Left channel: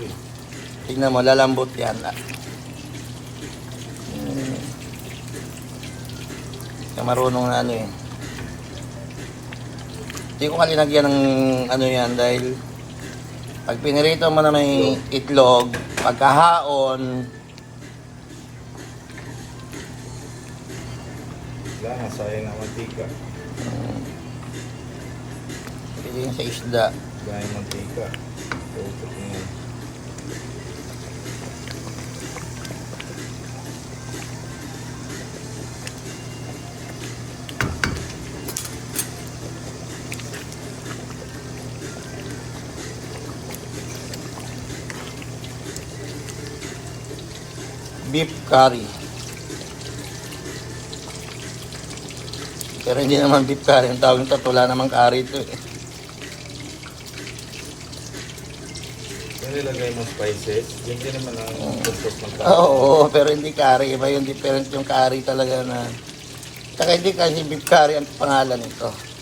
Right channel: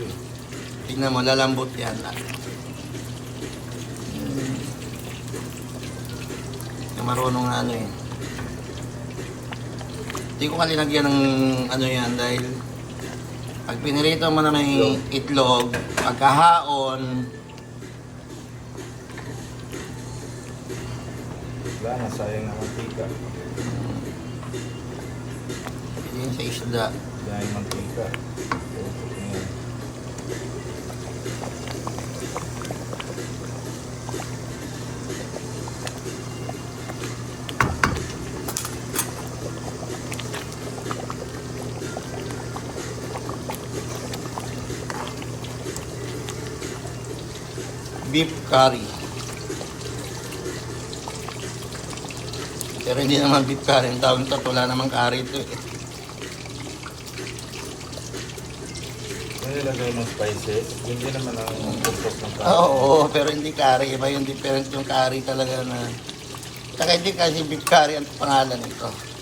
eh. Tingnan mo, lalambot yan. Marunong na ano eh. Hindi ko kalinagyan ng ano yan dahil pag pinirito mo na may itlog, pagkahaon, Wala nga, sayang ang mantika. pwede yun sa isda. Gaya ng mantika. Pero ito nga. Beef curry. Pero hindi naman beef curry. Ang tawag nito, wala namang curry ito eh. Yung nilagay mong spices, yun din naman ang purpose ng curry. Oo, pero hindi curry. Iba yung different yung curry talaga na... Saka hindi kasi beef curry ang pangalan nito.